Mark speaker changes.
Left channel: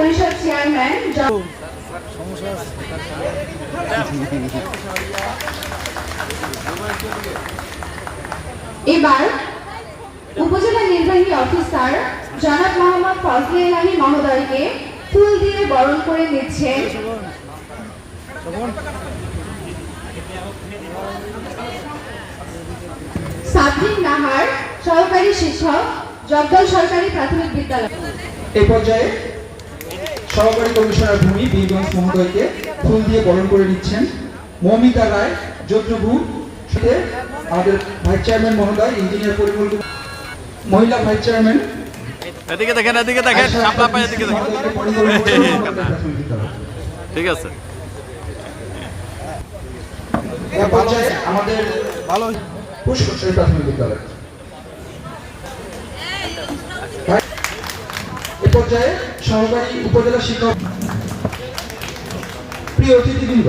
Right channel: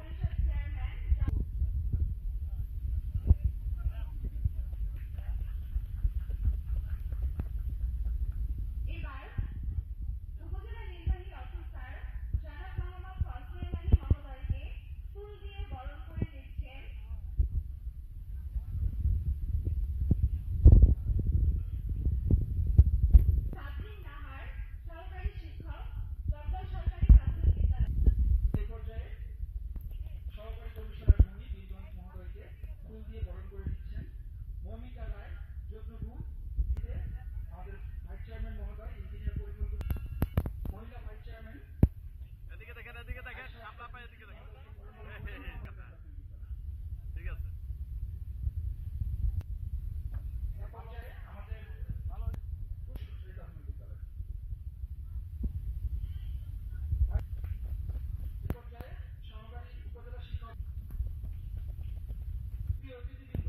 Speaker 1: পরিষদ চেয়ারম্যান এবার উপজেলা নির্বাহী অফিসার জনাব মোহাম্মদ ফজলে ইলাহি মহোদয়কে ফুল দিয়ে বরণ করে নিচ্ছেন। নাহার সহকারী শিক্ষক, জগদল সরকারি প্রাথমিক বিদ্যালয়।
Speaker 2: এই পর্যায়ে সহকারী কমিশনার ভূমি বীরগঞ্জ মহোদয়কে ফুল দিয়ে বরণ করে নিচ্ছেন মৌমিতা রায় যজ্ঞভূ সাথে আমাদের ভাইস চেয়ারম্যান মহোদয় ইঞ্জিনিয়ার পরিমল মহিলা ভাইস চেয়ারম্যান।
Speaker 3: এদিকে দেখেন এদিকে দেখেন
Speaker 2: আয়শা
Speaker 3: সাপলা পায় এদিকে দেখেন।
Speaker 2: মহোদয়কে পরিমল কুমার মহোদয় প্রাথমিক বিদ্যালয়।
Speaker 3: ঠিক আছে।
Speaker 2: আমাদের ভালো পুষ্করী প্রাথমিক বিদ্যালয় পর্যায়ে সহকারী উপজেলা শিক্ষক প্রিয় অতিথিবৃন্দ